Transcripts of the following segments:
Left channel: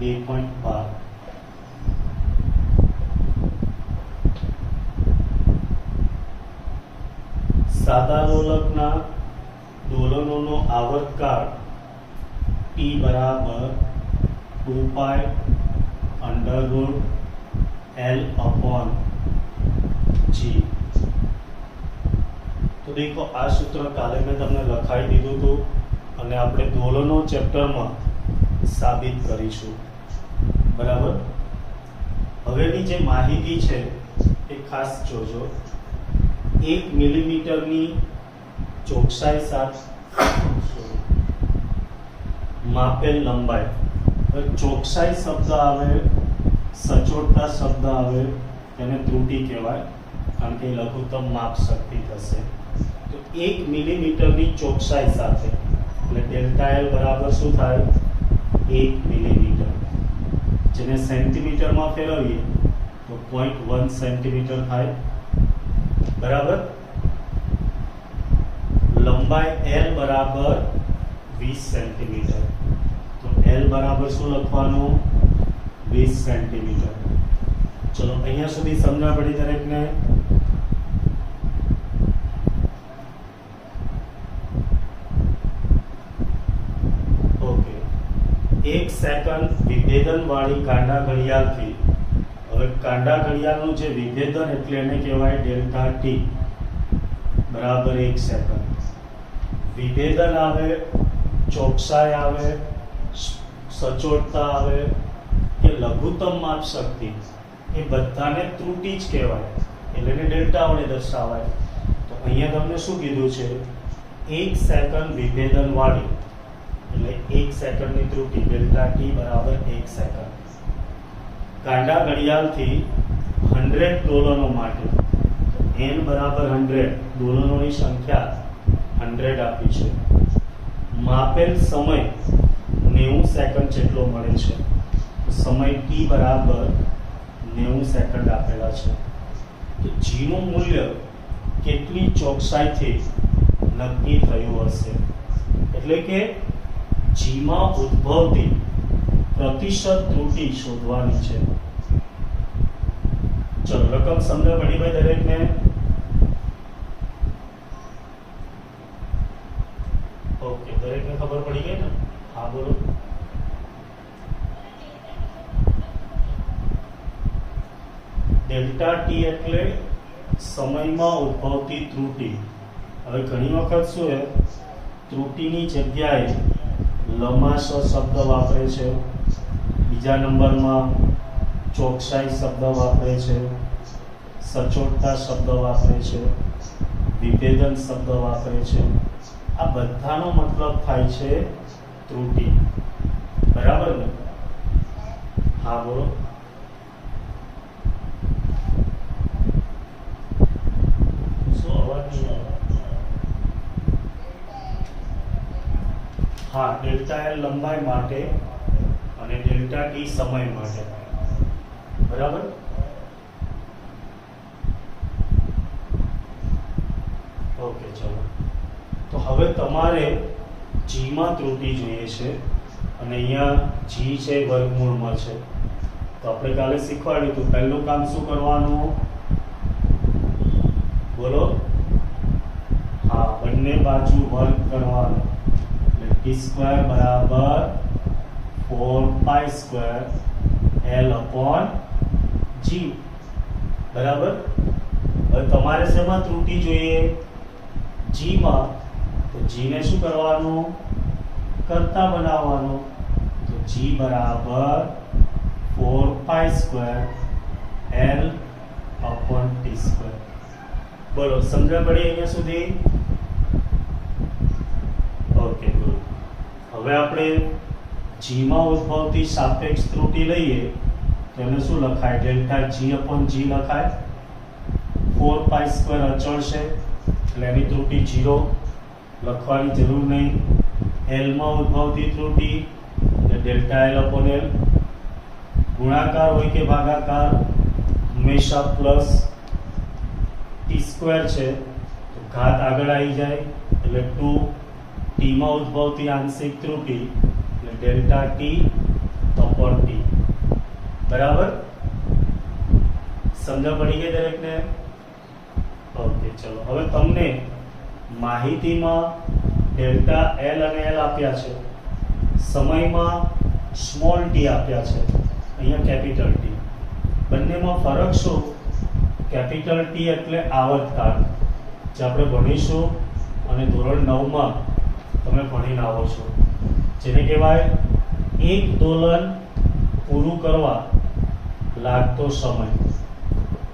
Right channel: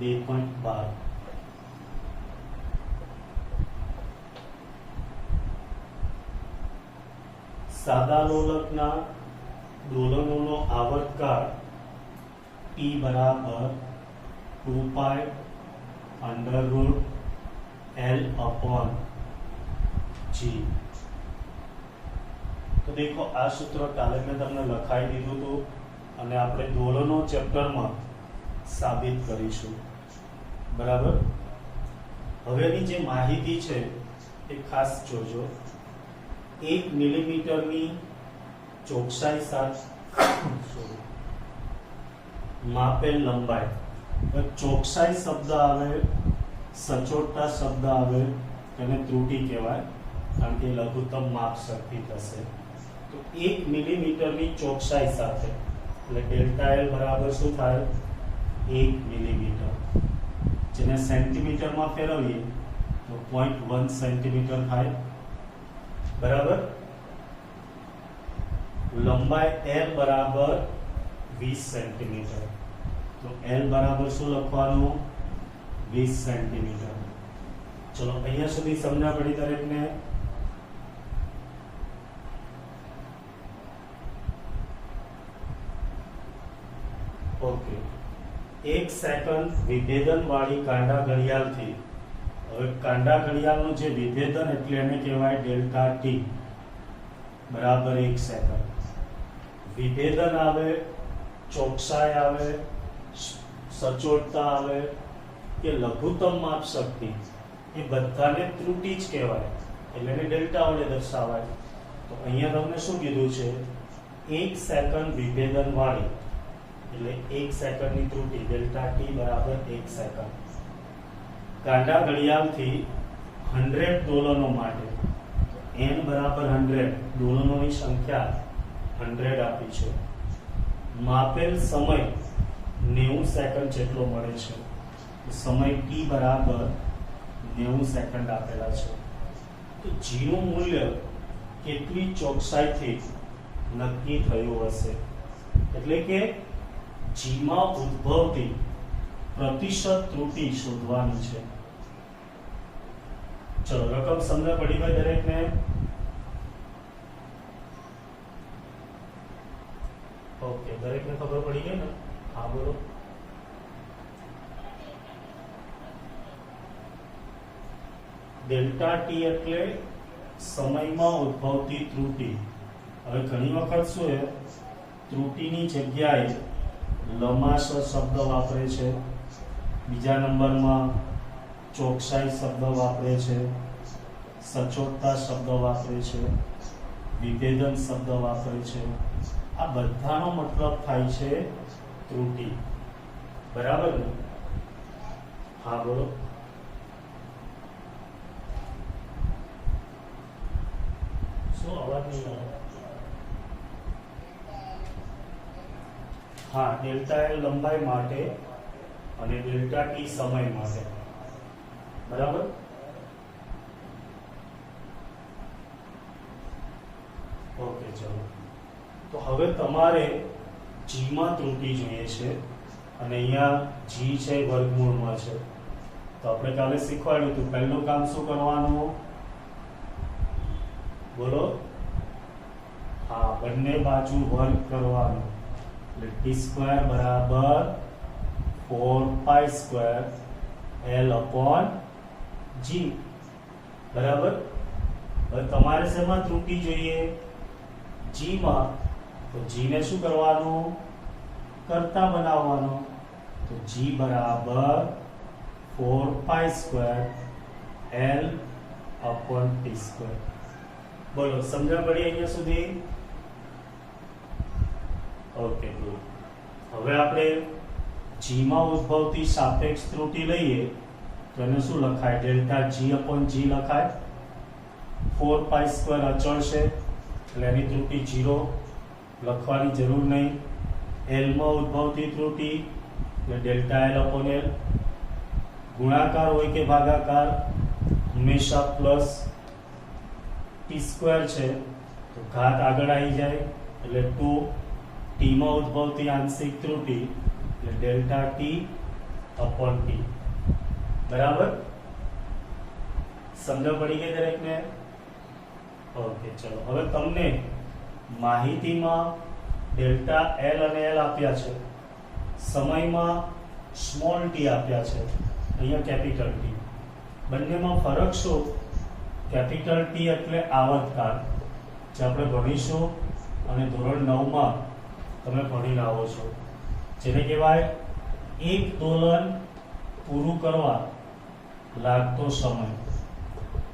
2.12 સાદા લોલકના દોલનોનો આવર્તકાળ t બરાબર 2 pi under root L upon G। तो देखो आ सूत्र काले मैं तमने लखाई दीधुं हतुं अने आपणे दोलनो चेप्टरमां साबित करीशुं बराबर। हवेनी जे माहिती छे ए खास जोजो। 1 मिलीमीटरनी चोकसाई साथ मापेल लंबाई, चोकसाई शब्द आवे, सचोटता शब्द आवे तेने त्रुटि कहेवाय कारण के लघुत्तम माप शक्ति थशे। तो 1 मिलीमीटरनी चोकसाई साथे એટલે डेल्टा एल बराबर शुं थाय 1 मिलीमीटर, जेने सेंटीमीटरमां फेरवीए तो 0.1 सेंटीमीटर थाय बराबर। लंबाई एल बराबर 20 सेंटीमीटर, तो एल बराबर शुं लखवानुं 20 सेंटीमीटर। चलो अहींया सुधी समझा पड़ी दरेक ने। ओके, 1 सेकंड विभेदन वाली कांडा घड़ियाळ थी હવે કાંડા ઘડિયાળનું જે વિભેદન એટલે એને કહેવાય ડેલ્ટા ટી બરાબર 1 સેકન્ડ। વિભેદન આવે, ચોકસાઈ આવે, સચોટતા આવે કે લઘુત્તમ માપ શક્તિ એ બધાને ત્રુટિ જ કહેવાય એટલે એને ડેલ્ટા વડે દર્શાવાય। તો અહીંયા તમને શું કીધું છે 1 સેકન્ડ વિભેદન વાળી એટલે 1 સેકન્ડની ત્રુટિ ડેલ્ટા ટી બરાબર 1 સેકન્ડ। કાંડા ઘડિયાળથી 100 દોલનો માટે n બરાબર 100 દોલનોની સંખ્યા 100 આપી છે। માપેલ સમય 90 સેકન્ડ જેટલો મળે છે। સમય t બરાબર 90 સેકન્ડ આપેલા છે। તો g નું મૂલ્ય કેટલી ચોકસાઈથી નક્કી થયું હશે એટલે કે g માં ઉદ્ભવતી प्रतिशत त्रुटि शोधवानी है। चलो रकम समझा पड़ी भाई दरेक ने। ओके, दरेक ने खबर पड़ी गई ना? हाँ बोलो। डेल्टा टी એટલે સમયમાં ઉદ્ભવતી ત્રુટિ। હવે ઘણી વખત શું છે ત્રુટિની જગ્યાએ લમાશો શબ્દ વાપરે છે, બીજા નંબરમાં ચોકસાઈ શબ્દ વાપરે છે, સચોટતા શબ્દ વાપરે છે, વિભેદન શબ્દ વાપરે છે। આ બધાનો મતલબ થાય છે ત્રુટિ બરાબર ને? હા બોલો। શું અવાજ નહીં આવે? हाँ, डेल्टा एल लंबाई माटे અને डेल्टा टी समय माटे बराबर। ओके चलो, तो हवे तमारे जी में त्रुटि જોઈએ છે અને અહીંયા g છે વર્ગમૂળમાં છે। તો આપણે કાલે શીખવાડ્યું તો પહેલું કામ શું કરવાનું બોલો? हाँ, બંને બાજુ વર્ગ કરવાનો टी स्क्वायर बराबर 4 pi square L upon G बराबर। હવે તમારે શેમાં ત્રુટિ જોઈએ G માં, તો G ને શું કરવાનું કરતા બનાવવાનો। તો G બરાબર 4 pi square L upon T square. બોલો સમજણ પડી અહીંયા સુધી? Okay good. હવે આપણે g માં ઉદ્ભવતી સાપેક્ષ ત્રુટિ લઈએ તો એને શું લખાય ડેલ્ટા g upon g લખાય। 4 પાઈ સ્ક્વેર અચળ છે એટલે એની ત્રુટિ 0 લખવાની જરૂર નહીં। l માં ઉદ્ભવતી ત્રુટિ એટલે ડેલ્ટા l upon l। ગુણાકાર હોય કે ભાગાકાર હંમેશા પ્લસ t સ્ક્વેર છે તો ઘાત આગળ આવી જાય એટલે 2 टी में उद्भवती आंशिक त्रुटि डेल्टा टी अपॉन टी। बराबर, समझ पड़ी गई दरेकने? ओके, चलो હવે તમને માહિતીમાં ડેલ્ટા એલ અને એલ આપ્યા છે, સમયમાં સ્મોલ ટી આપ્યા છે, અહીંયા કેપિટલ ટી. બંનેમાં ફરક શું? કેપિટલ ટી એટલે આવર્તકાળ, જે આપણે ભણીશું અને ધોરણ 9 માં તમે ભણી આવો છો, જેને કહેવાય એક દોલન પૂરું કરવા લાગતો સમય.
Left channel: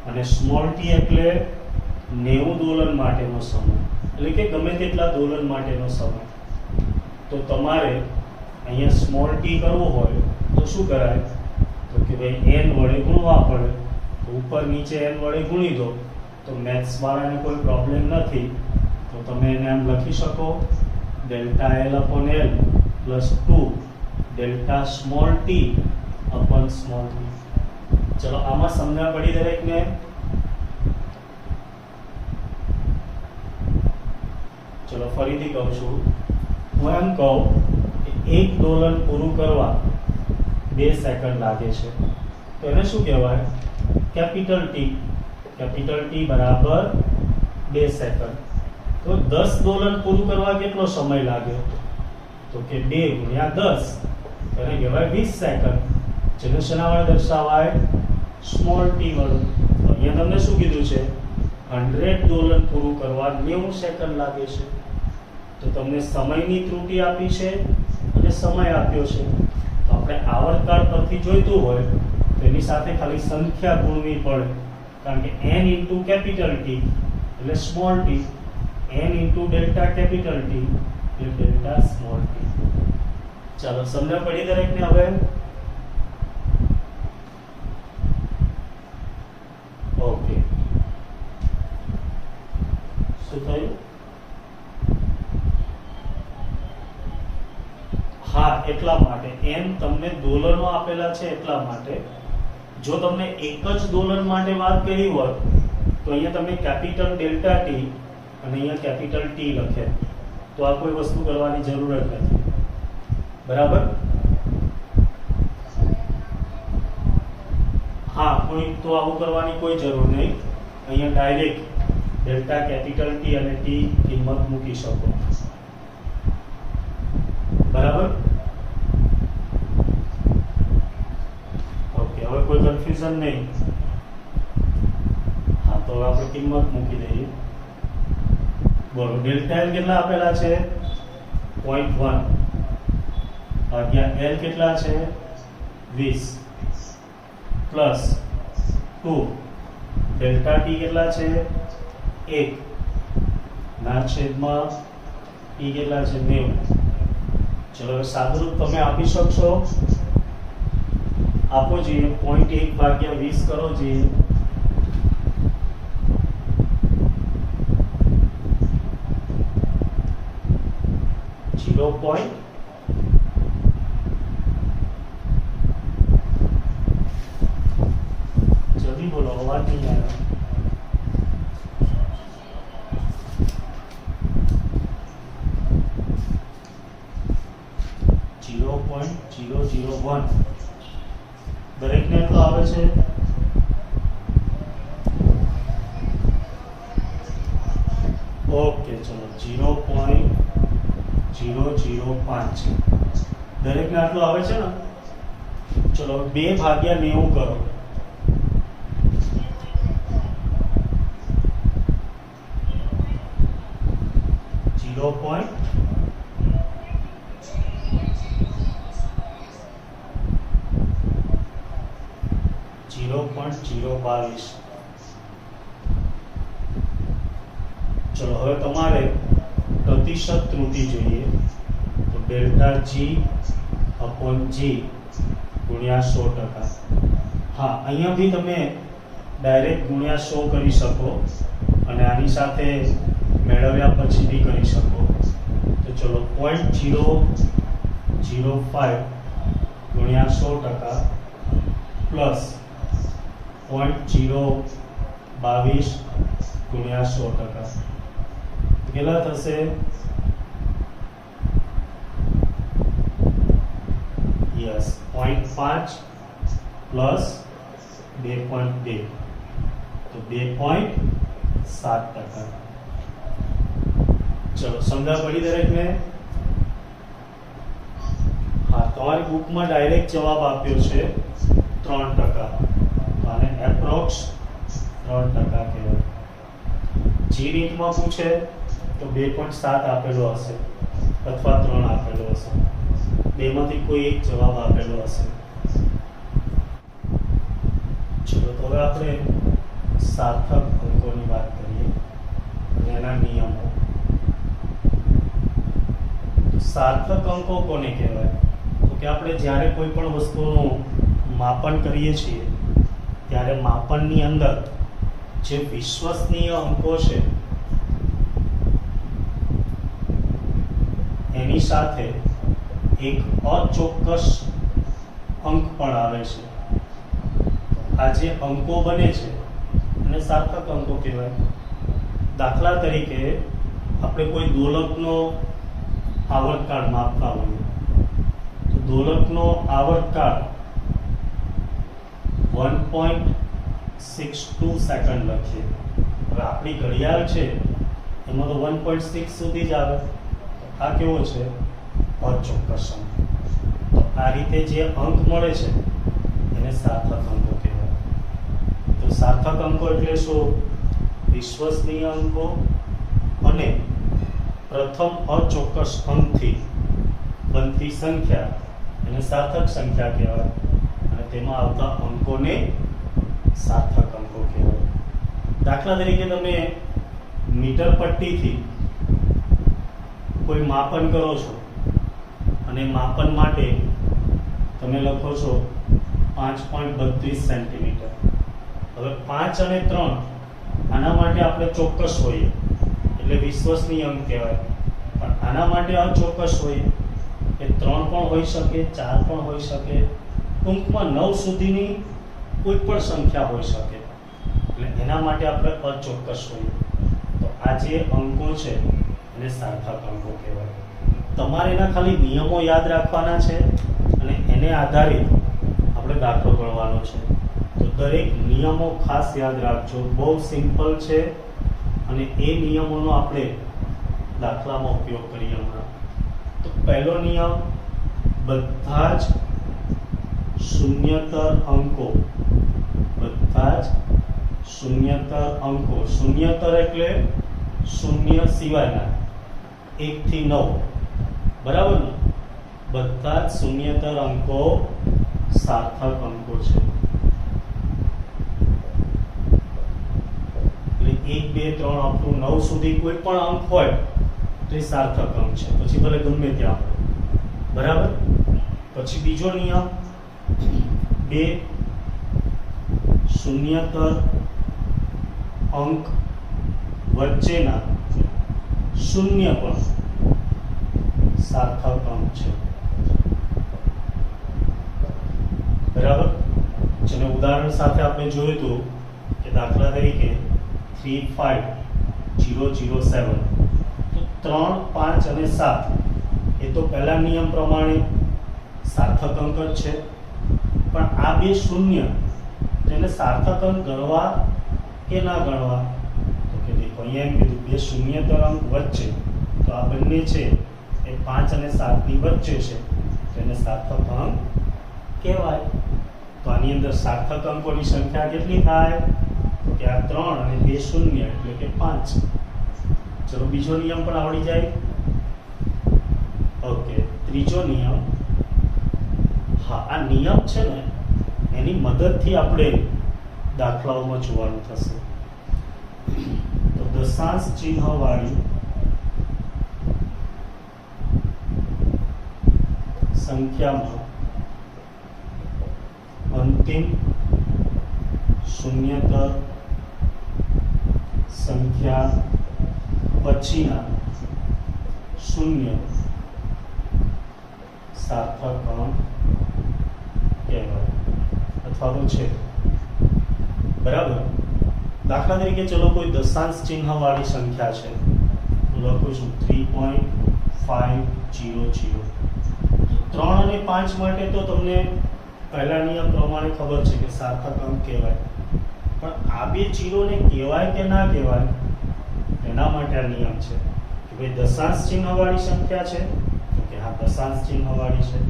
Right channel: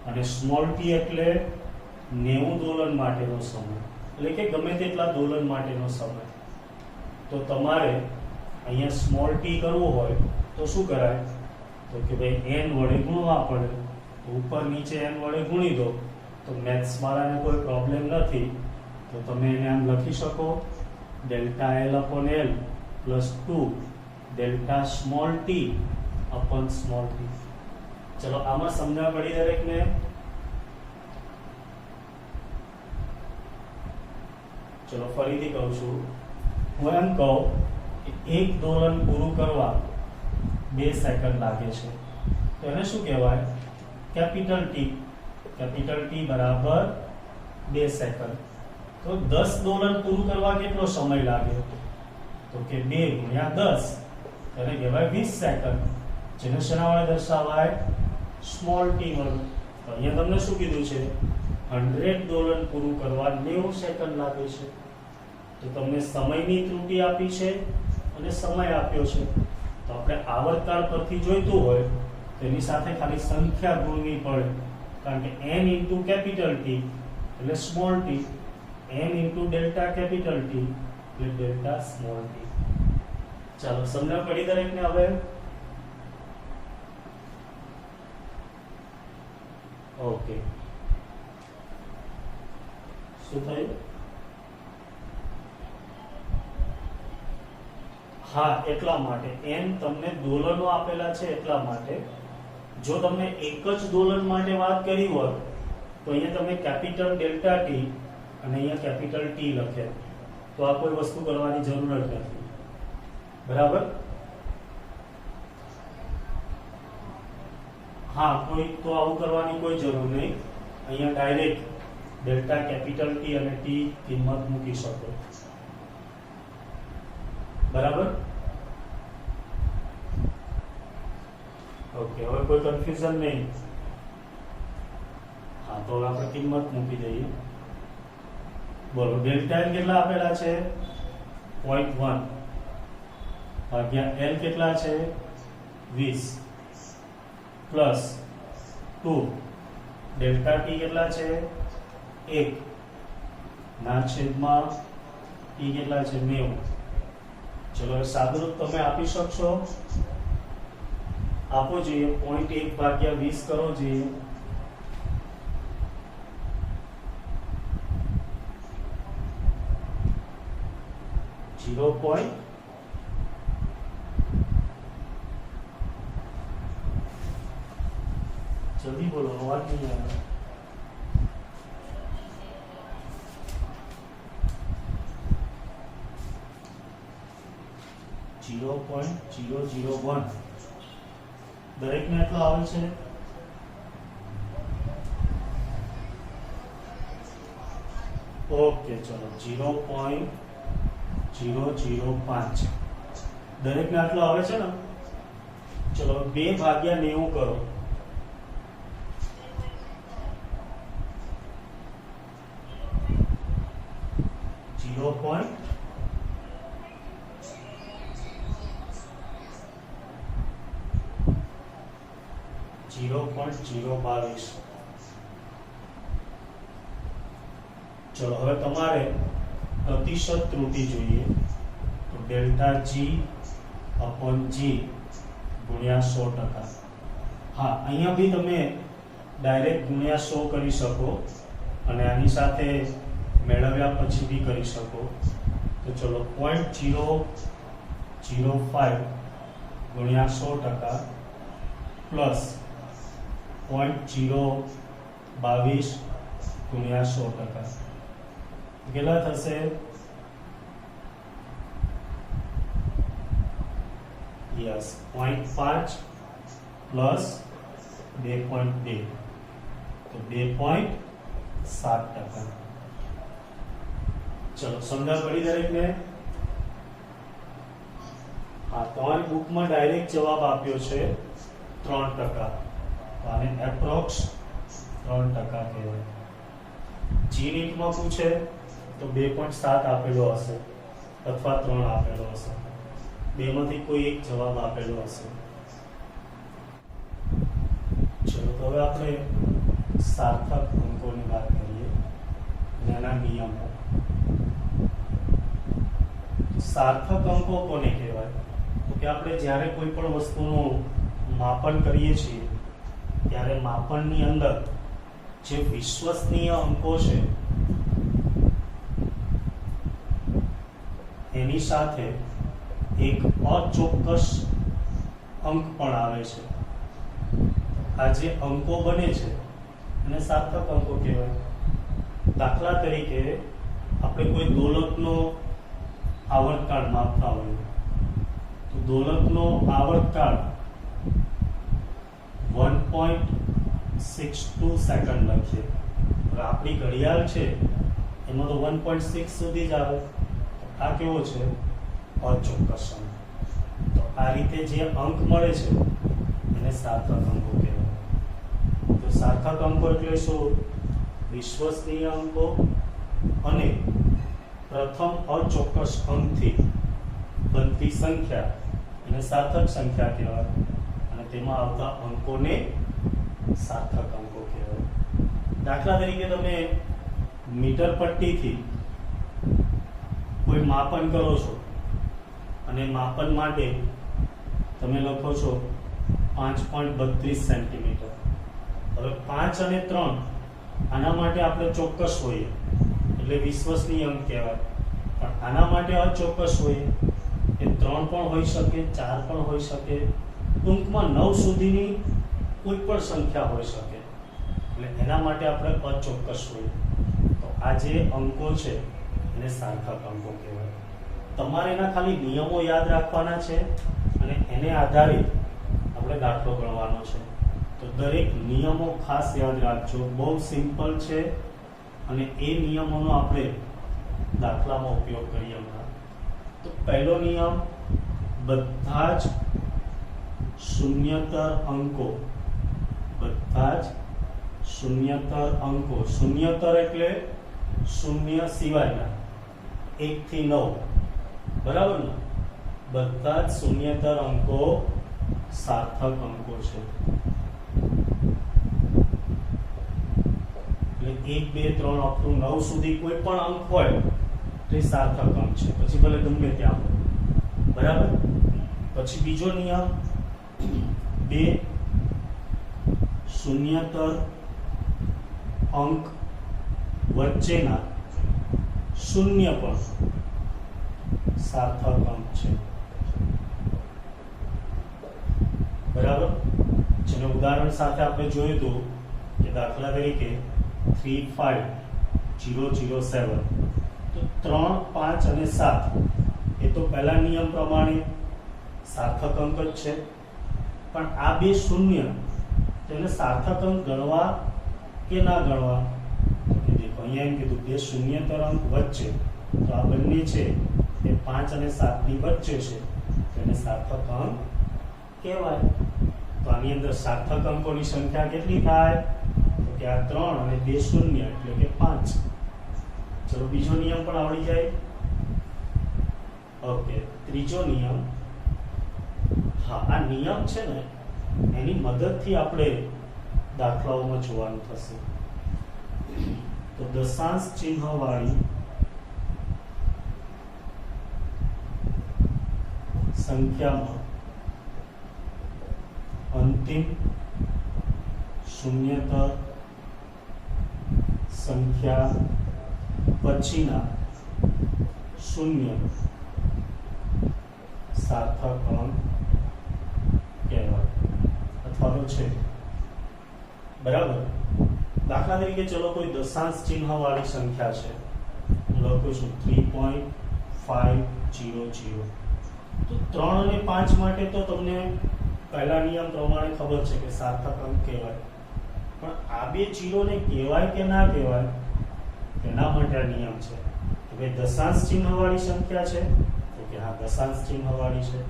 અને સ્મોલ ટી એટલે 90 દોલન માટેનો સમય, એટલે કે ગમે તેટલા દોલન માટેનો સમય. તો તમારે અહીંયા સ્મોલ ટી કરવું હોય તો શું કરાય? તો કે ભાઈ n વડે ગુણવા પડે. તો ઉપર નીચે n વડે ગુણી દો, તો મેથ્સ વાળાને કોઈ પ્રોબ્લેમ નથી. તો તમે એને આમ લખી શકો, delta L upon L plus 2 delta small T upon small T. ચલો આમાં સમજણ પડી દરેકને? ચલો ફરીથી કહું છું. હું એમ કહું કે એક દોલન પૂરું કરવા 2 સેકન્ડ લાગે છે, તો એને શું કહેવાય? Capital T. કેપિટલ ટી બરાબર 2 સેકન્ડ. તો 10 દોલન પૂરું કરવા કેટલો સમય લાગે? તો કે 2 ગુણ્યા 10, એને કહેવાય 20 સેકન્ડ, જેને શેના વડે દર્શાવાય? સ્મોલ ટી વડે. અહીંયા તમને શું કીધું છે? 100 દોલન પૂરું કરવા 90 સેકન્ડ લાગે છે. તો તમને સમયની ત્રુટિ આપી છે અને સમય આપ્યો છે. તો આપણે આવર્તકાળ પરથી જોઈતું હોય તો એની સાથે ખાલી સંખ્યા ગુણવી પડે, કારણ કે n ઇન્ટુ કેપિટલ ટી એટલે small T, n into delta capital T એટલે ડેલ્ટા સ્મોલ ટી. ચાલો સમજ પડી દરેકને? હવે ઓકે, શું થયું? હા, એટલા માટે n તમને દોલનો આપેલા છે એટલા માટે. જો તમને એક જ દોલન માટે વાત કરી હોત તો અહીંયા તમે કેપિટલ ડેલ્ટા ટી અને અહીંયા કેપિટલ ટી લખ્યા, તો આ કોઈ વસ્તુ કરવાની જરૂર જ નથી. બરાબર? હા, કોઈ તો આવું કરવાની કોઈ જરૂર નહીં. અહીંયા ડાયરેક્ટ ડેલ્ટા કેપિટલ ટી અને ટી કિંમત મૂકી શકો. બરાબર? ઓકે, હવે કોઈ કન્ફ્યુઝન નહીં. હા, તો હવે આપણે કિંમત મૂકી દઈએ. બોલો, ડેલ્ટા એલ કેટલા આપેલા છે? 0.1 ભાગ્યા એલ કેટલા છે? 20 પ્લસ 2 ડેલ્ટા ટી કેટલા છે? 1 ના છેદમાં ટી કેટલા છે? 90. ચલો હવે સાદુરૂપ તમે આપી શકશો? આપો જોઈએ. 0.1 ભાગ્યા 20 કરો જોઈએ. જલ્દી બોલો, અવાજ નહીં આવે. 0.001 દરેકને એટલો આવે છે? ઓકે, ચલો 0.005 દરેકને આટલો આવે છે ને? ચલો 2 ભાગ્યા 90 કરો. .022. ચલો હવે તમારે પ્રતિશત ત્રુટિ જોઈએ, તો ડેલ્ટા જી અપોન જી ગુણ્યા 100%. હા, અહીંયા બી તમે ડાયરેક્ટ ગુણ્યા 100 કરી શકો અને આની સાથે મેળવ્યા પછી બી કરી શકો. તો ચલો 0.005 ગુણ્યા 100% પ્લસ 0.022 ગુણ્યા 100%. કેટલા થશે? યસ 0.5 પ્લસ 2.2 તો 2.7%. ચલો સમજા પડી દરેકને? હા, તમારી બુકમાં ડાયરેક્ટ જવાબ આપ્યો છે 3%. આને એપ્રોક્સ 3% કહેવાય. જે રીતમાં પૂછે તો 2.7 આપેલો હશે અથવા 3 આપેલો હશે, બેમાંથી કોઈ એક જવાબ આપેલો હશે. ચલો તો હવે આપણે સાર્થક અંકોની વાત કરીએ અને એના નિયમો. સાર્થક અંકો કોને કહેવાય? તો કે આપણે જ્યારે કોઈ પણ વસ્તુનું માપન કરીએ છીએ ત્યારે માપનની અંદર જે વિશ્વસનીય અંકો છે એની સાથે એક અચોક્કસ અંક પણ આવે છે. આ જે અંકો બને છે અને સાર્થક અંકો કહેવાય. દાખલા તરીકે આપણે કોઈ દોલતનો આવર્તકાળ માપતા હોઈએ તો દોલતનો આવર્તકાળ 1.62 સેકન્ડ લખીએ. હવે આપણી ઘડિયાળ છે એમાં તો 1.6 સુધી જ આવે. આ કેવો છે? અચોક્કસ અંક. તો આ રીતે જે અંક મળે છે એને સાર્થક અંકો કહેવાય. તો સાર્થક અંકો એટલે શું? વિશ્વસનીય અંકો અને પ્રથમ અચોક્કસ અંકથી બનતી સંખ્યા એને સાર્થક સંખ્યા કહેવાય અને તેમાં આવતા અંકોને સાર્થક અંકો કહેવાય. દાખલા તરીકે તમે મીટર પટ્ટીથી કોઈ માપન કરો છો અને માપન માટે તમે લખો છો 5.32 સેન્ટીમીટર. હવે 5 અને 3 આના માટે આપણે ચોક્કસ હોઈએ એટલે વિશ્વસનીય અંક કહેવાય, પણ આના માટે અચોક્કસ હોઈએ એ 3 પણ હોઈ શકે, 4 પણ હોઈ શકે, ટૂંકમાં 9 સુધીની કોઈ પણ સંખ્યા હોઈ શકે. એટલે એના માટે આપણે અચોક્કસ હોઈએ. તો આ જે અંકો છે એને સાર્થક અંકો કહેવાય. તમારે એના ખાલી નિયમો યાદ રાખવાના છે અને એને આધારિત આપણે દાખલો ગણવાનો છે. તો દરેક નિયમો ખાસ યાદ રાખજો. બહુ સિમ્પલ છે અને એ નિયમોનો આપણે દાખલામાં ઉપયોગ કરીએ હમણાં. તો પહેલો નિયમ, બધા જ શૂન્યતર અંકો, બધા જ શૂન્યતર અંકો, શૂન્યતર એટલે શૂન્ય સિવાયના 1 થી 9, બરાબર ને? બધા જ શૂન્યતર અંકો સાર્થક અંકો છે. એટલે 1 2 3 અપ ટુ 9 સુધી કોઈ પણ અંક હોય તો એ સાર્થક અંક છે, પછી ભલે ગમે ત્યાં હોય, બરાબર? પછી બીજો નિયમ, બે શૂન્યતર અંક વચ્ચેના શૂન્ય પણ સાર્થક અંક છે, બરાબર? જેને ઉદાહરણ સાથે આપણે જોયું હતું કે દાખલા તરીકે 3 5 0 0 7, તો 3 5 અને 7 એ તો પહેલા નિયમ પ્રમાણે સાર્થક અંક જ છે, પણ આ બે શૂન્ય તેને સાર્થક અંક ગણવા કે ના ગણવા? તો કે દેખો અહીંયા એમ કીધું બે શૂન્યતર અંક વચ્ચે, તો આ બંને છે એ 5 અને 7 ની વચ્ચે છે, તેને સાર્થક અંક કહેવાય. તો આની અંદર સાર્થક અંકોની સંખ્યા કેટલી થાય? તો કે આ 3 અને 2 શૂન્ય એટલે કે 5. ચલો બીજો નિયમ પણ આવડી જાય. ઓકે, ત્રીજો નિયમ. હા, આ નિયમ છે ને એની મદદથી આપણે દાખલાઓમાં જોવાનું થશે. તો દશાંશ ચિહ્ન વાળી સંખ્યામાં અંતિમ શૂન્યતર સંખ્યા પછીના શૂન્ય સાર્થક અંક કહેવાય અથવા તો છે, બરાબર? દાખલા તરીકે ચલો કોઈ દશાંશ ચિહ્ન વાળી સંખ્યા છે, હું લખું છું 3.500. તો 3 અને 5 માટે તો તમને પહેલા નિયમ પ્રમાણે ખબર છે કે સાર્થક અંક કહેવાય, પણ આ બે જીરોને કહેવાય કે ના કહેવાય એના માટે આ નિયમ છે કે ભાઈ દશાંશ ચિહ્ન વાળી સંખ્યા છે તો કે હા દશાંશ ચિહ્ન વાળી છે,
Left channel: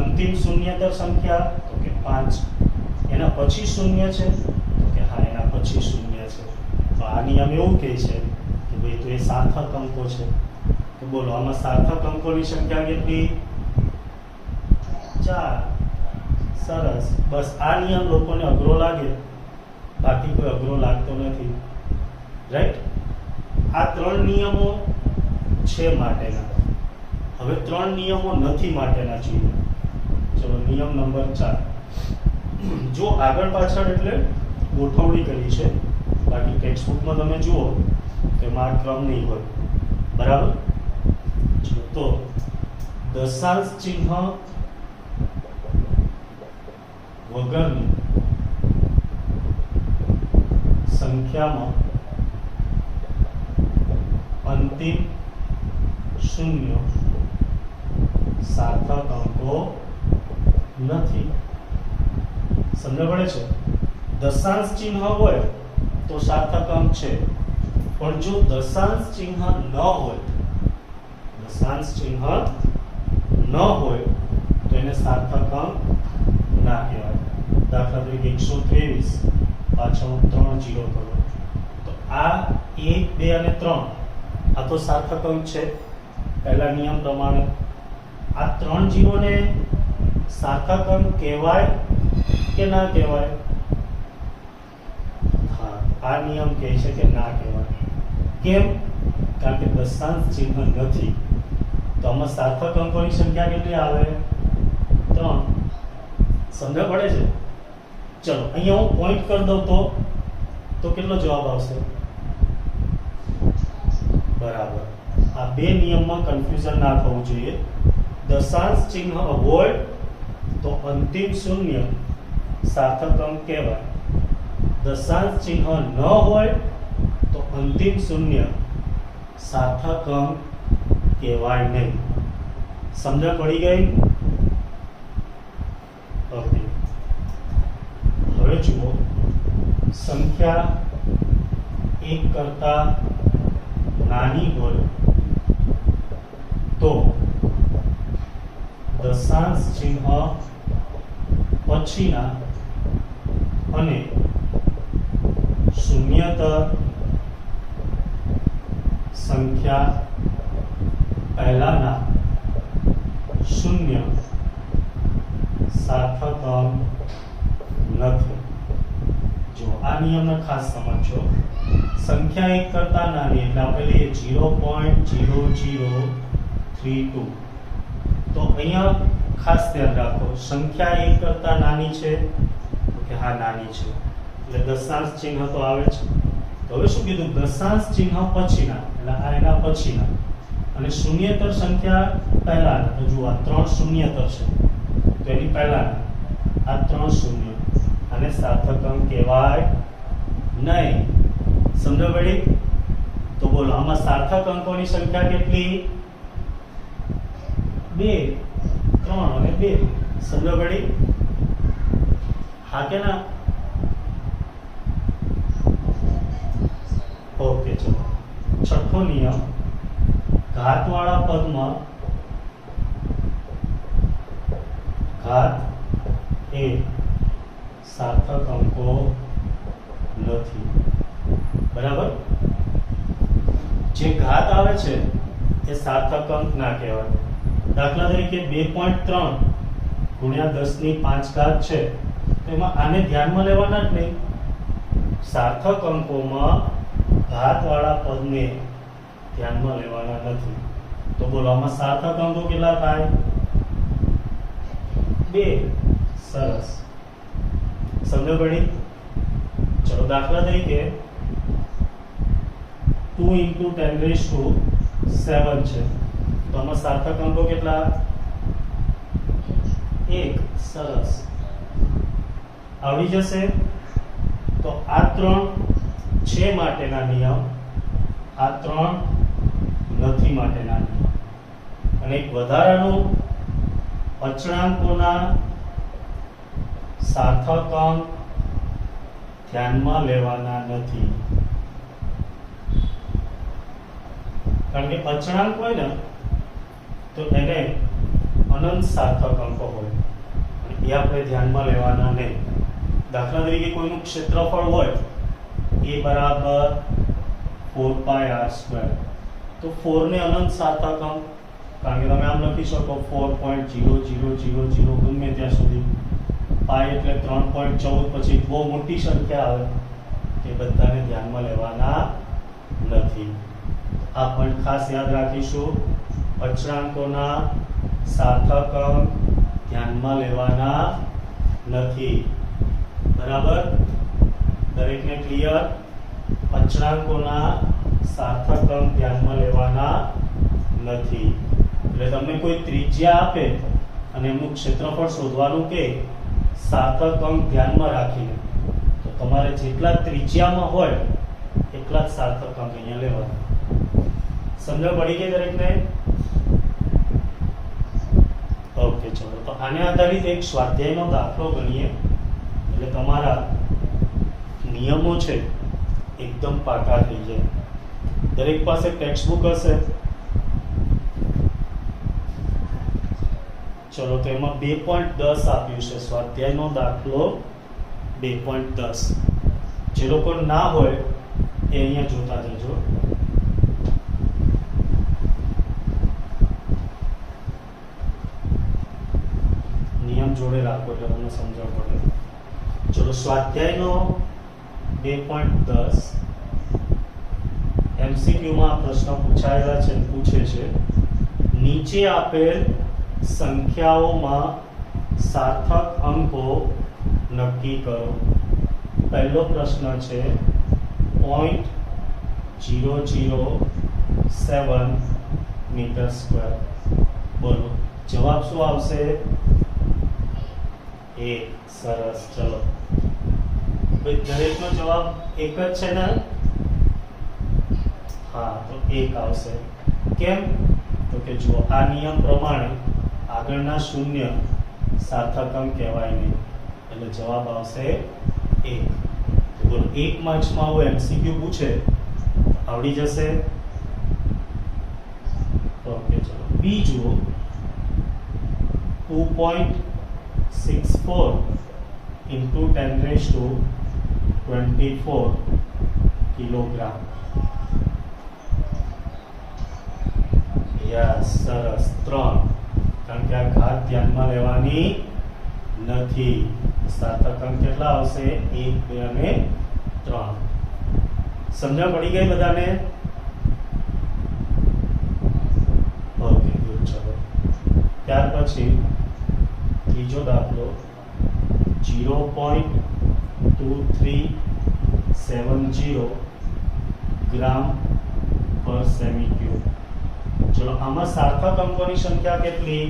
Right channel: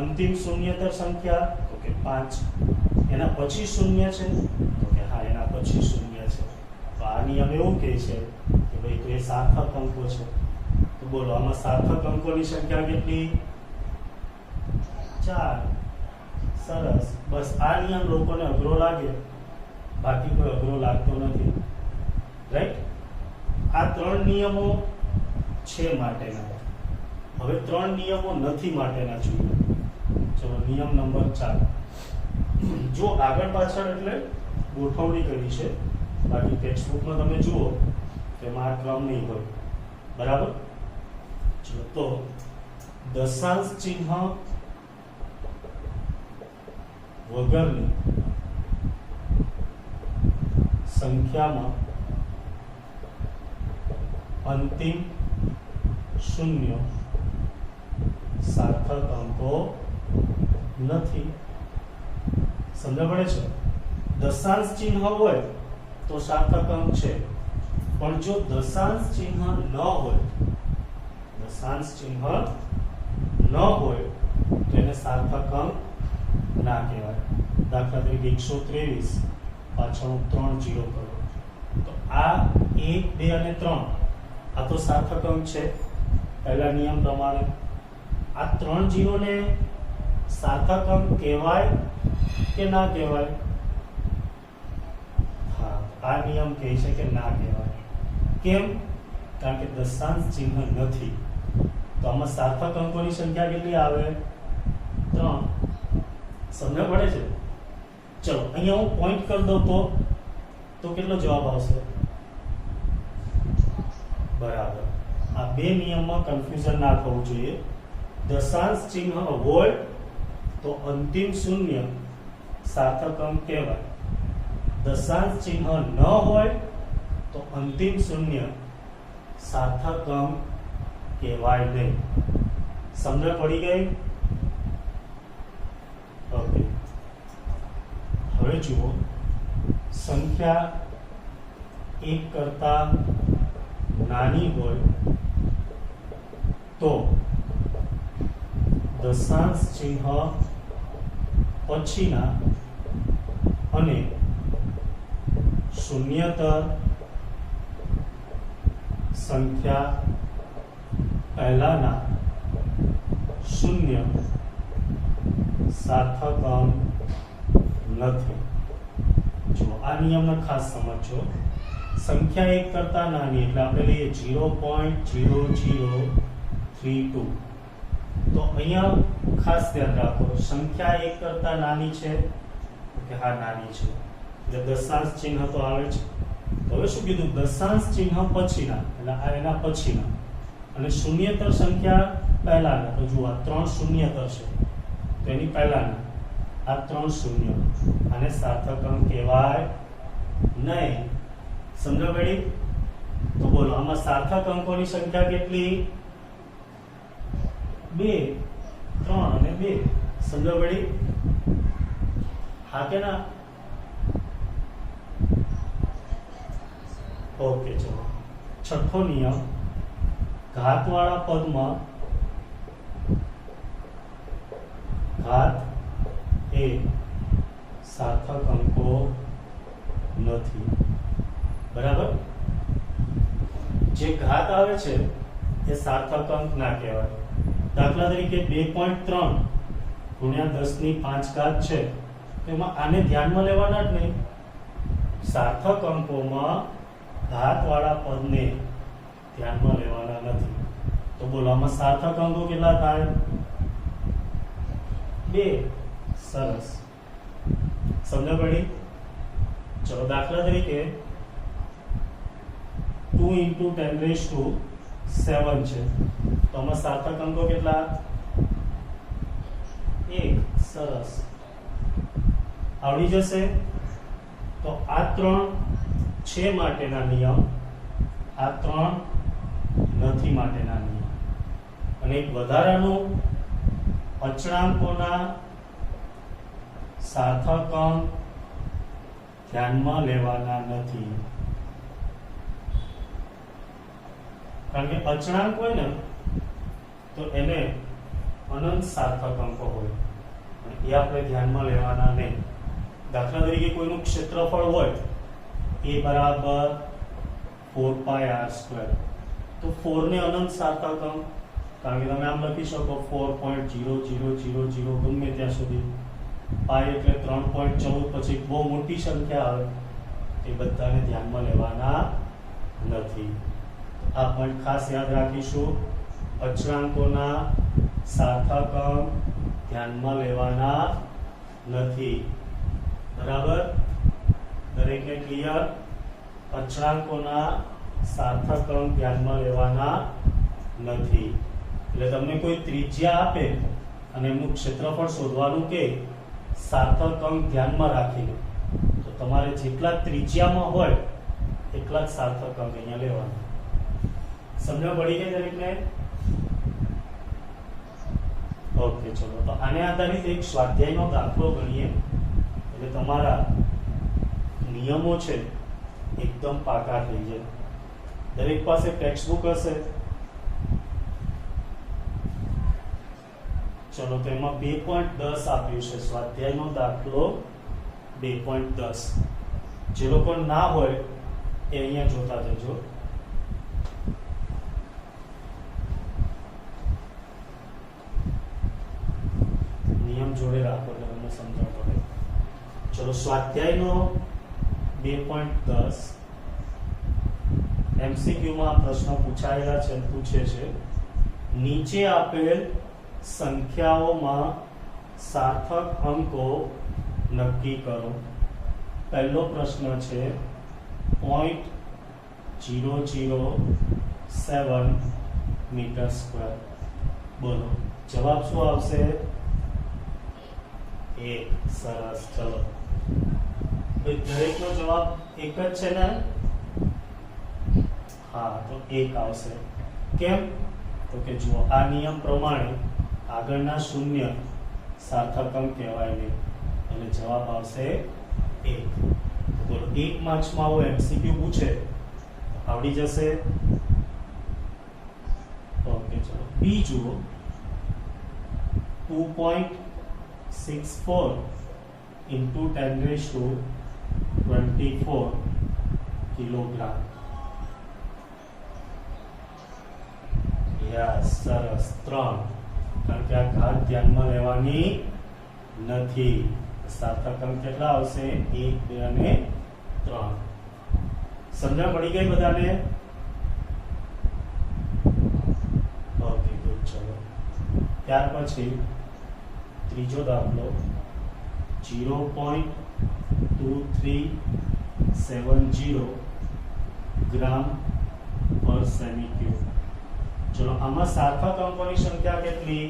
અંતિમ શૂન્યતર સંખ્યા તો કે 5, એના પછી શૂન્ય છે તો કે હા એના પછી શૂન્ય છે. તો આ નિયમ એવું કહે છે કે ભાઈ તો એ સાર્થક અંકો છે. તો બોલો આમાં સાર્થક અંકોની સંખ્યા કેટલી? 4. સરસ. બસ આ નિયમ લોકોને અઘરો લાગે, બાકી કોઈ અઘરો લાગતો નથી, રાઈટ? આ 3 નિયમો છે માટેના. હવે 3 નિયમો નથી માટેના જોઈએ. ચલો નિયમ નંબર 4. જો આગળ પાછળ એટલે ગોઠવણી કરી છે, બાકી ટેક્સ્ટ બુકમાં તમે જુઓ કે એમાં ક્રમ નહીં હોય, બરાબર? તો દશાંશ ચિહ્ન વગરની સંખ્યામાં અંતિમ શૂન્ય સાર્થક અંકો નથી. સમજ પડે છે? દશાંશ ચિહ્ન હોય તો સાર્થક અંક છે, પણ જો દશાંશ ચિહ્ન ન હોય, દશાંશ ચિહ્ન ન હોય તો એને સાર્થક અંક ના કહેવાય. દાખલા તરીકે 123 પાછળ 3 0 કરો તો આ 1 2 અને 3 આ તો સાર્થક અંક છે પહેલા નિયમ પ્રમાણે. આ 3 0 ને સાર્થક અંક કહેવાય કે ના કહેવાય? હા, આ નિયમ કહે છે કે ના કહેવાય. કેમ? કારણ કે દશાંશ ચિહ્ન નથી. તો આમાં સાર્થક અંકોની સંખ્યા કેટલી આવે? 3. સમજ પડે છે? ચલો અહીંયા હું પોઈન્ટ કરી દઉં તો કેટલો જવાબ આવશે? બરાબર. આ બે નિયમમાં કન્ફ્યુઝન ના થવું જોઈએ. દશાંશ ચિહ્ન હોય તો અંતિમ શૂન્ય સાર્થક અંક કહેવાય. દશાંશ ચિહ્ન ન હોય તો અંતિમ શૂન્ય સાર્થક અંક કહેવાય નહીં. સમજ પડી ગઈ? ઓકે. હવે જુઓ, સંખ્યા 1 કરતા નાની હોય તો દશાંશ ચિહ્ન પછીના અને શૂન્યતર સંખ્યા પહેલાના શૂન્ય સાર્થક અંક નથી. જો આ નિયમને ખાસ સમજો. સંખ્યા 1 કરતા નાની એટલે આપણે લઈએ 0.0032. તો અહીંયા ખાસ ધ્યાન રાખો, સંખ્યા 1 કરતા નાની છે તો કે હા નાની છે એટલે દશાંશ ચિહ્ન તો આવે છે. તો હવે શું કીધું? દશાંશ ચિહ્ન પછીના એટલે આ એના પછીના અને શૂન્યતર સંખ્યા પહેલાના. તો જુઓ આ 3 શૂન્યતર છે તો એની પહેલાના આ 3 શૂન્ય, આને સાર્થક અંક કહેવાય નહીં. સમજો પડી? તો બોલો આમાં સાર્થક અંકોની સંખ્યા કેટલી? 2, 3 અને 2. સમજો પડી? હા કે ના? ઓકે. ચલો છઠ્ઠો નિયમ, ઘાતવાળા પદમાં ઘાત એ સાર્થક અંકો નથી. બરાબર? જે ઘાત આવે છે એ સાર્થક અંક ના કહેવાય. દાખલા તરીકે 2.3 ગુણ્યા 10 ની 5 ઘાત છે તો એમાં આને ધ્યાનમાં લેવાના જ નહીં. સાર્થક અંકોમાં ઘાતવાળા પદને ધ્યાનમાં લેવાના નથી. તો બોલો આમાં સાર્થક અંકો કેટલા થાય? 2. સરસ. સમજ પડી? ચલો દાખલા તરીકે 2 × 10⁻⁷ છે તો આમાં સાર્થક અંકો કેટલા? 1. સરસ. આવડી જશે. તો આ 3 છે માટેના નિયમ, આ 3 નથી માટેના નિયમ. અને એક વધારાનું અચળાંકોના સાર્થક અંક ધ્યાનમાં લેવાના નથી. કારણ કે અચળાંક હોય ને તો એને અનંત સાર્થક અંકો હોય, એ આપણે ધ્યાનમાં લેવાના નહીં. દાખલા તરીકે કોઈનું ક્ષેત્રફળ હોય એ બરાબર 4πr², તો 4 ને અનંત સાર્થક અંક, કારણ કે તમે આમ લખી શકો 4.0000 ગમે ત્યાં સુધી, પાઈ એટલે 3.14, પછી બહુ મોટી સંખ્યા આવે, એ બધાને ધ્યાનમાં લેવાના નથી. આ પોઈન્ટ ખાસ યાદ રાખીશું. અચળાંકોના સાર્થક અંક ધ્યાનમાં લેવાના નથી. બરાબર, દરેકને ક્લિયર? અચળાંકોના સાર્થક અંક ધ્યાનમાં લેવાના નથી. એટલે તમને કોઈ ત્રિજ્યા આપે અને એમનું ક્ષેત્રફળ શોધવાનું કે સાર્થક અંક ધ્યાનમાં રાખીને, તો તમારે જેટલા ત્રિજ્યામાં હોય એટલા જ સાર્થક અંક અહીંયા લેવાના. સમજ પડી ગઈ દરેકને? ઓકે, ચલો તો આને આધારિત એક સ્વાધ્યાયનો દાખલો ગણીએ, એટલે તમારા નિયમો છે એકદમ પાકા થઈ જાય. દરેક પાસે ટેક્સ્ટ બુક હશે. ચલો તો એમાં 2.10 આપ્યું છે, સ્વાધ્યાયનો દાખલો 2.10. જે લોકો ના હોય એ અહીંયા જોતા જજો. નિયમ જોડે રાખો એટલે તમને સમજણ પડે. ચલો સ્વાધ્યાયનો 2.10 MCQ માં પ્રશ્ન પૂછાયેલા છે, પૂછે છે નીચે આપેલ સંખ્યાઓમાં સાર્થક અંકો નક્કી કરો. પહેલો પ્રશ્ન છે 0.007 મીટર સ્ક્વેર. બોલો જવાબ શું આવશે? 1. સરસ. ચલો દરેકનો જવાબ એક જ છે ને? હા, તો 1 આવશે. કેમ? તો કે જુઓ, આ નિયમ પ્રમાણે આગળના શૂન્ય સાર્થક અંક કહેવાય નહીં, એટલે જવાબ આવશે 1. તો 1 માર્ક્સમાં આવો MCQ પૂછે, આવડી જશે. ઓકે, ચલો બીજું 2.64 into 10⁻²4 કિલોગ્રામ. યસ, સરસ. 3, કારણ કે આ ઘાત ધ્યાનમાં લેવાની નથી. સાર્થક અંક કેટલા આવશે? 1, 2 અને 3. સમજણ પડી ગઈ બધાને? Okay, good. ચલો ત્યાર પછી ત્રીજો દાખલો 0.2370 ગ્રામ પર સેમી ક્યુબ. ચલો આમાં સાર્થક અંકોની સંખ્યા કેટલી?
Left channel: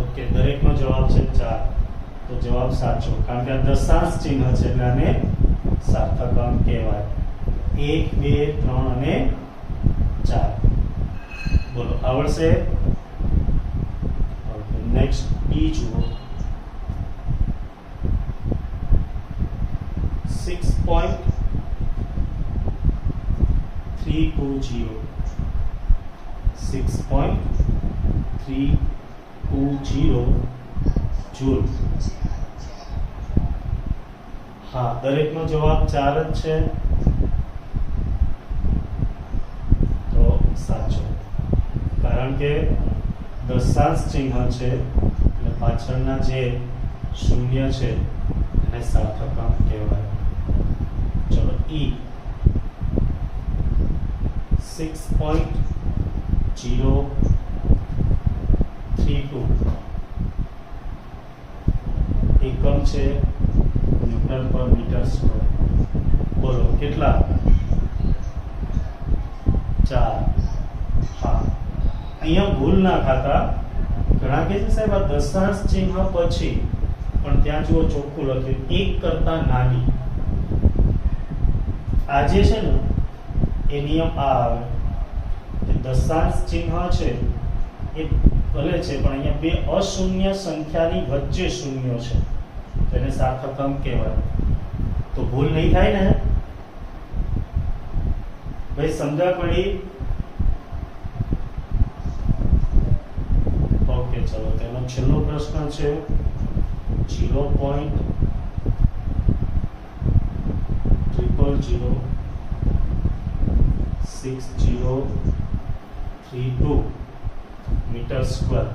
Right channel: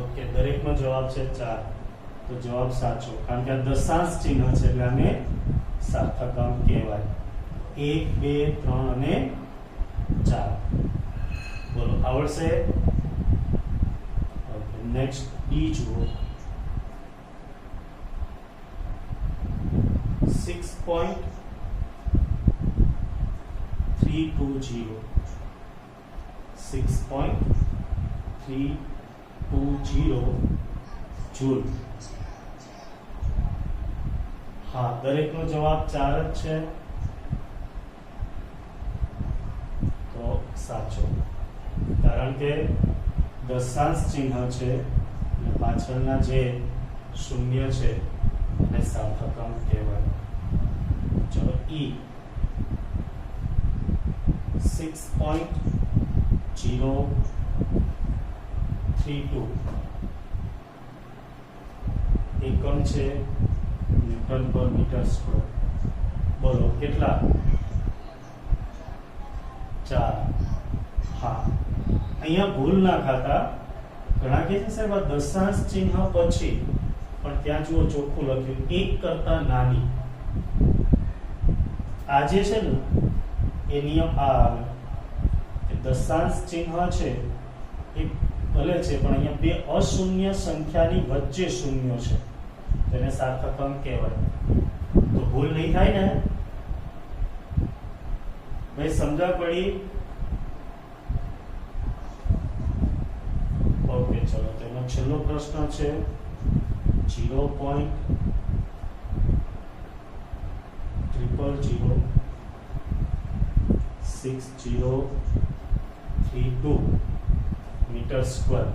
ઓકે, દરેકનો જવાબ છે 4. તો જવાબ સાચો, કારણ કે આ દશાંશ ચિહ્ન છે એટલે આને સાર્થક અંક કહેવાય. 1, 2, 3 અને 4. બોલો આવડશે? ઓકે, નેક્સ્ટ ડી જુઓ. 6.320 જૂલ. હા, દરેકનો જવાબ 4 જ છે, તો સાચો. કારણ કે દશાંશ ચિહ્ન છે અને પાછળના જે શૂન્ય છે એને સાર્થક અંક કહેવાય. ચલો ઈ 6.032 એકમ છે ન્યૂટન પર મીટર સ્ક્વેર. બોલો કેટલા? 4. હા, અહીંયા ભૂલ ના ખાતા. ઘણા કહે છે સાહેબ આ દશાંશ ચિહ્ન પછી, પણ ત્યાં જુઓ ચોખ્ખું લખ્યું 1 કરતા નાની. આ જે છે ને એ નિયમ આ આવે, દશાંશ ચિહ્ન છે એ ભલે છે પણ અહીંયા બે અશૂન્ય સંખ્યાની વચ્ચે શૂન્ય છે, તેને સાર્થક અંક કહેવાય. તો ભૂલ નહીં થાય ને ભાઈ, સમજણ પડી? ઓકે, ચલો તેનો છેલ્લો પ્રશ્ન છે 0.006032 મીટર સ્ક્વેર.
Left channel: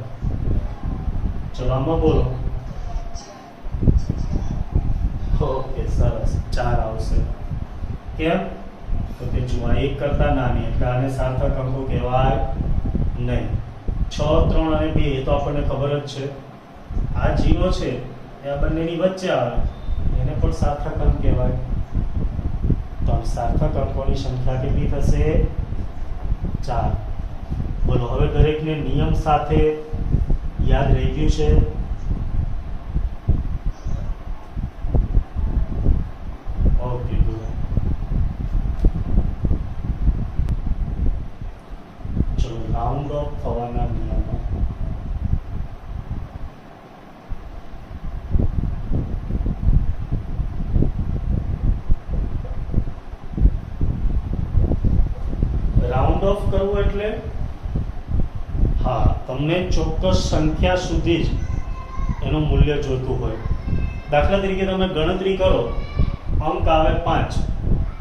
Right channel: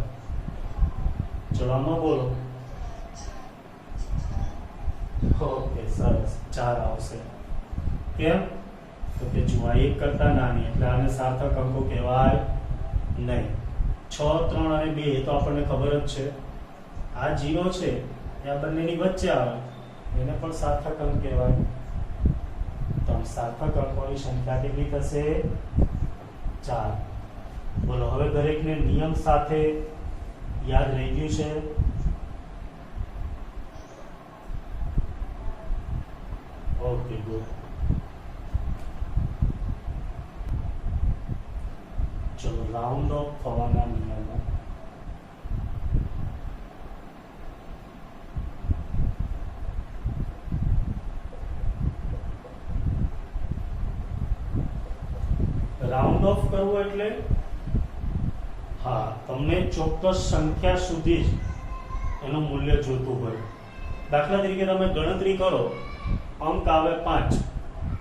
ચલો આમાં બોલો. ઓકે, સરસ, 4 આવશે. કેમ? તો તે જુઓ 1 કરતા નાની, એટલે આને સાર્થક અંકો કહેવાય નહીં. 6, 3 અને 2 એ તો આપણને ખબર જ છે. આ 0 છે એ આ બંનેની વચ્ચે આવે, એને પણ સાર્થક અંક કહેવાય. તો આમ સાર્થક અંકોની સંખ્યા કેટલી થશે? 4. બોલો, હવે દરેકને નિયમ સાથે યાદ રહી ગયું છે? Okay, good. ચલો રાઉન્ડ ઓફ થવાના નિયમો. રાઉન્ડ ઓફ કરવું એટલે હા, તમને ચોક્કસ સંખ્યા સુધી જ એનું મૂલ્ય જોતું હોય. દાખલા તરીકે તમે ગણતરી કરો, અંક આવે 5,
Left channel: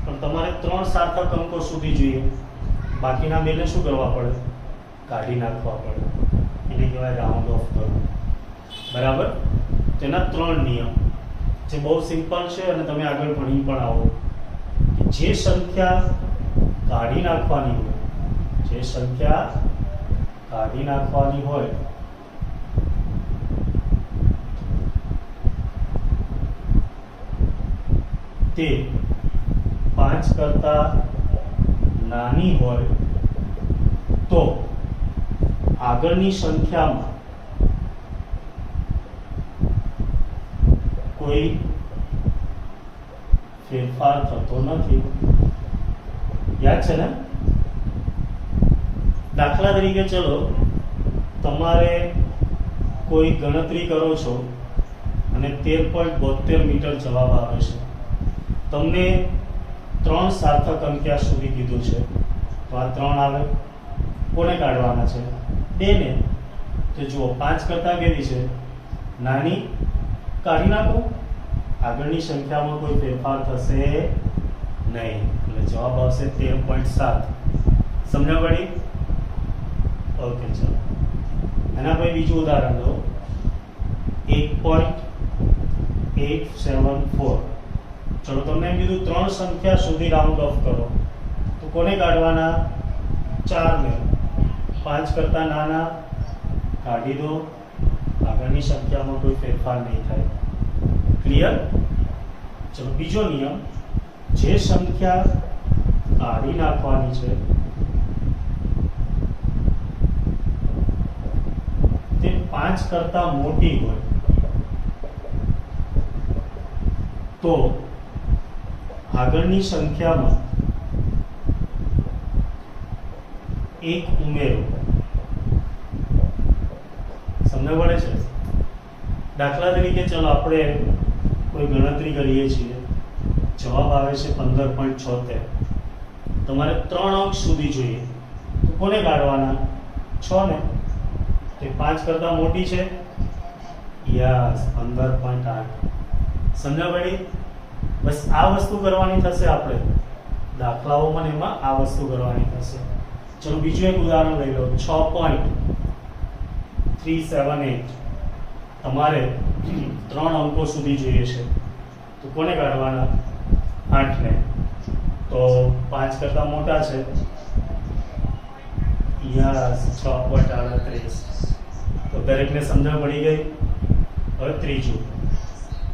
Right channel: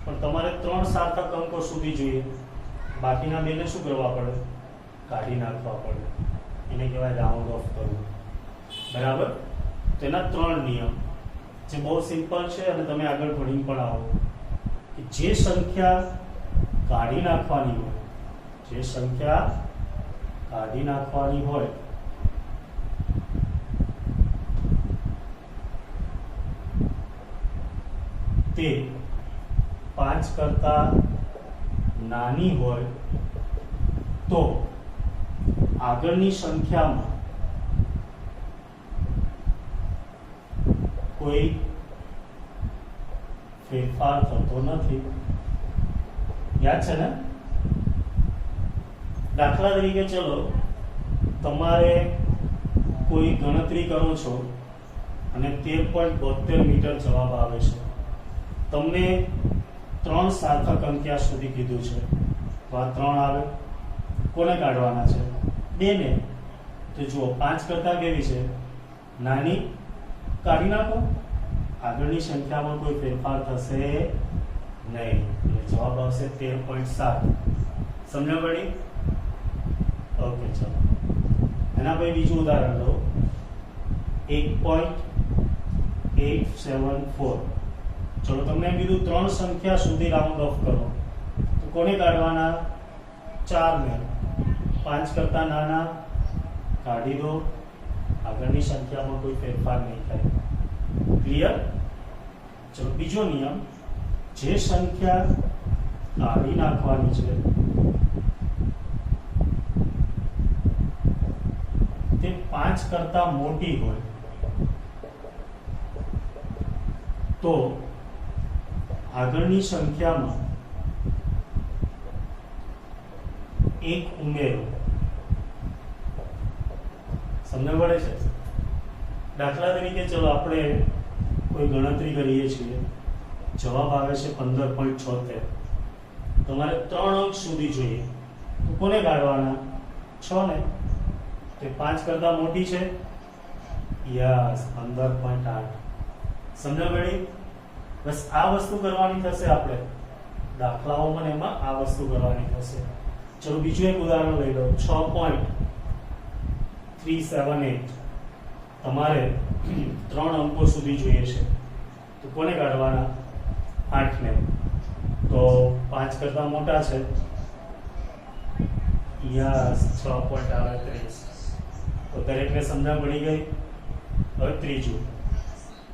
પણ તમારે 3 સાર્થક અંકો સુધી જોઈએ, બાકીના બેને શું કરવા પડે? કાઢી નાખવા પડે. એને કહેવાય રાઉન્ડ ઓફ કરવું. બરાબર? તેના 3 નિયમ જે બહુ સિમ્પલ છે અને તમે આગળ ભણી પણ આવો. જે સંખ્યા કાઢી નાખવાની હોય, જે સંખ્યા કાઢી નાખવાની હોય તે 5 કરતા નાની હોય તો આગળની સંખ્યામાં કોઈ ફેરફાર થતો નથી. યાદ છે ને? દાખલા તરીકે ચલો તમારે કોઈ ગણતરી કરો છો અને 13.72 મીટર જવાબ આવે છે. તમને 3 સાર્થક અંક્યા સુધી કીધું છે, તો આ 3 આવે. કોને કાઢવાના છે? 2 ને. તો જુઓ 5 કરતા કેવી છે? નાની. કાઢી નાખો, આગળની સંખ્યામાં કોઈ ફેરફાર થશે નહીં, એટલે જવાબ આવશે 13.7. સમજ પડી? ઓકે, ચલો એના પછી બીજું ઉદાહરણ લો. 8.874. ચલો તમને એમ કીધું 3 સંખ્યા સુધી રાઉન્ડ ઓફ કરો, તો કોને કાઢવાના? 4 ને. 5 કરતા નાના કાઢી દો, આગળની સંખ્યામાં કોઈ ફેરફાર નહીં થાય. ક્લિયર? ચલો બીજો નિયમ, જે સંખ્યા કાઢી નાખવાની છે તે 5 કરતા મોટી હોય તો આગળની સંખ્યામાં 1 ઉમેરો. સમજ પડે છે? દાખલા તરીકે ચલો આપણે કોઈ ગણતરી કરીએ છીએ, જવાબ આવે છે 15.76. તમારે 3 અંક સુધી જોઈએ, તો કોને કાઢવાના? 6 ને. તે 5 કરતા મોટી છે. યસ, 15.8. સમજ પડી? બસ આ વસ્તુ કરવાની થશે. આપણે દાખલાઓમાં એમાં આ વસ્તુ કરવાની થશે. ચલો બીજું એક ઉદાહરણ લઈ લો. 6.378. તમારે 3 અંકો સુધી જોઈએ છે, તો કોને કાઢવાના? 8 ને. તો 5 કરતા મોટા છે. યસ, 6.38. તો દરેકને સમજણ પડી ગઈ. હવે ત્રીજું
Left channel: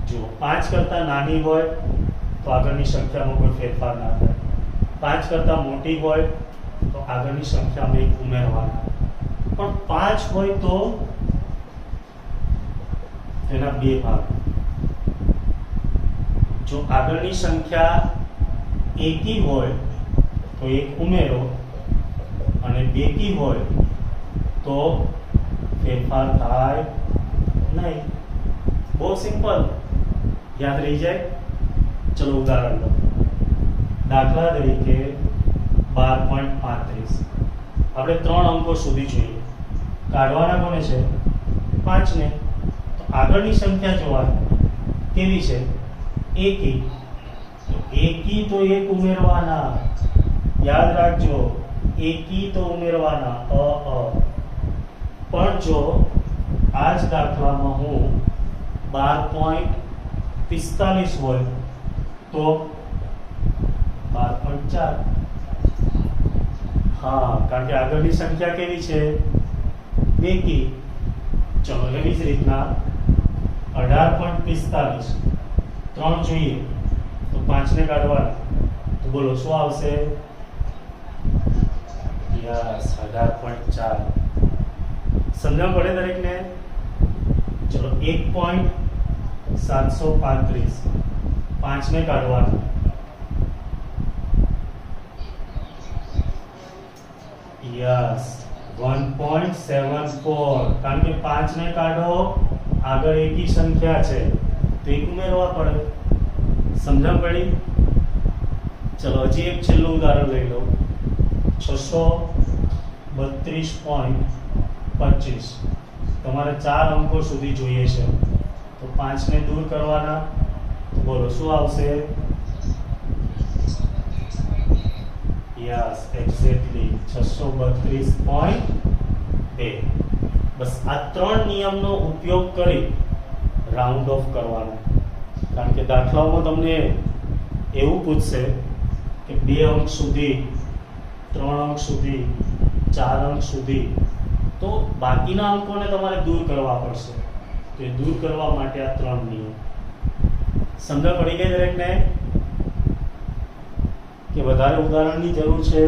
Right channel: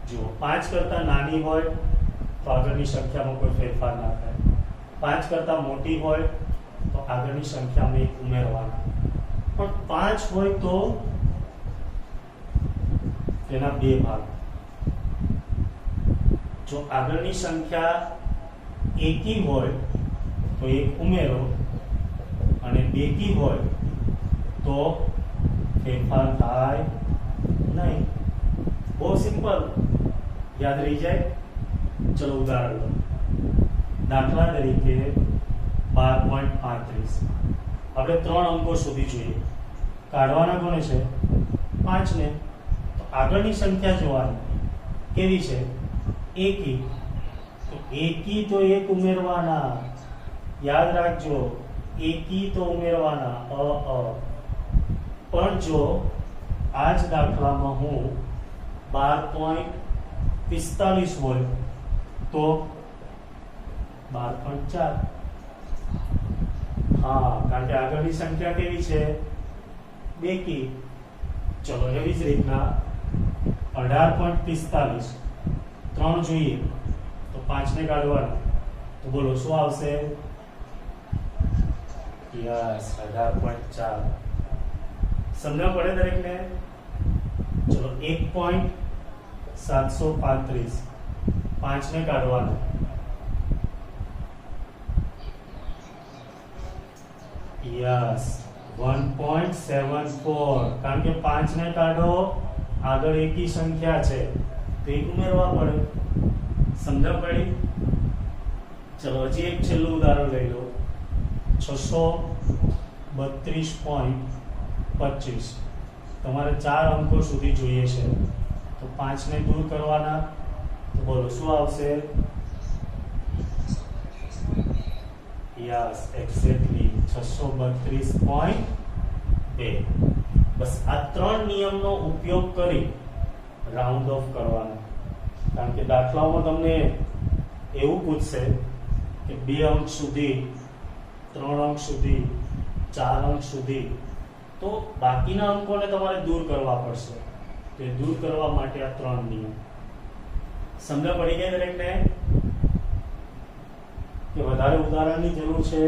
જુઓ, 5 કરતા નાની હોય તો આગળની સંખ્યામાં કોઈ ફેરફાર ના થાય. 5 કરતા મોટી હોય તો આગળની સંખ્યામાં 1 ઉમેરવાના. પણ 5 હોય તો તેના 2 ભાગ. જો આગળની સંખ્યા એકી હોય તો 1 ઉમેરો, અને બેકી હોય તો ફેરફાર થાય નહીં. બહુ સિમ્પલ, યાદ રહી જાય. ચલો ઉદાહરણ લો. દાખલા તરીકે 12.35 આપણે 3 અંકો સુધી જોઈએ. કાઢવાના કોને છે? 5 ને. તો આગળની સંખ્યા જોવાની કેવી છે? એકી. તો એકી તો એક ઉમેરવાના, યાદ રાખજો. એકી તો ઉમેરવાના પણ જો આ જ દાખલામાં હું 12.45 હોય તો 12.4. હા, કારણ કે આગળની સંખ્યા કેવી છે? બેકી. ચલો એવી જ રીતના 18.45 3 જોઈએ તો 5 ને કાઢવાના, તો બોલો શું આવશે? યસ, 18.4. સમજણ પડે દરેકને? ચલો 1.735 5 ને કાઢવાના, યસ 1.74. કારણ કે 5 ને કાઢો, આગળ એકી સંખ્યા છે તો એક ઉમેરવા પડે. સમજણ પડી? ચલો હજી એક છેલ્લું ઉદાહરણ લઈ લો. 632.25. તમારે 4 અંકો સુધી જોઈએ છે તો 5 ને દૂર કરવાના, તો બોલો શું આવશે? Yes, exactly 632.2. બસ આ 3 નિયમનો ઉપયોગ કરી રાઉન્ડ ઓફ કરવાના. કારણ કે દાખલાઓમાં તમને એવું પૂછશે કે 2 અંક સુધી, 3 અંક સુધી, 4 અંક સુધી, તો બાકીના અંકોને તમારે દૂર કરવા પડશે. તો એ દૂર કરવા માટે આ 3 નિયમ. સમજ પડી ગઈ દરેકને કે વધારે ઉદાહરણની જરૂર છે?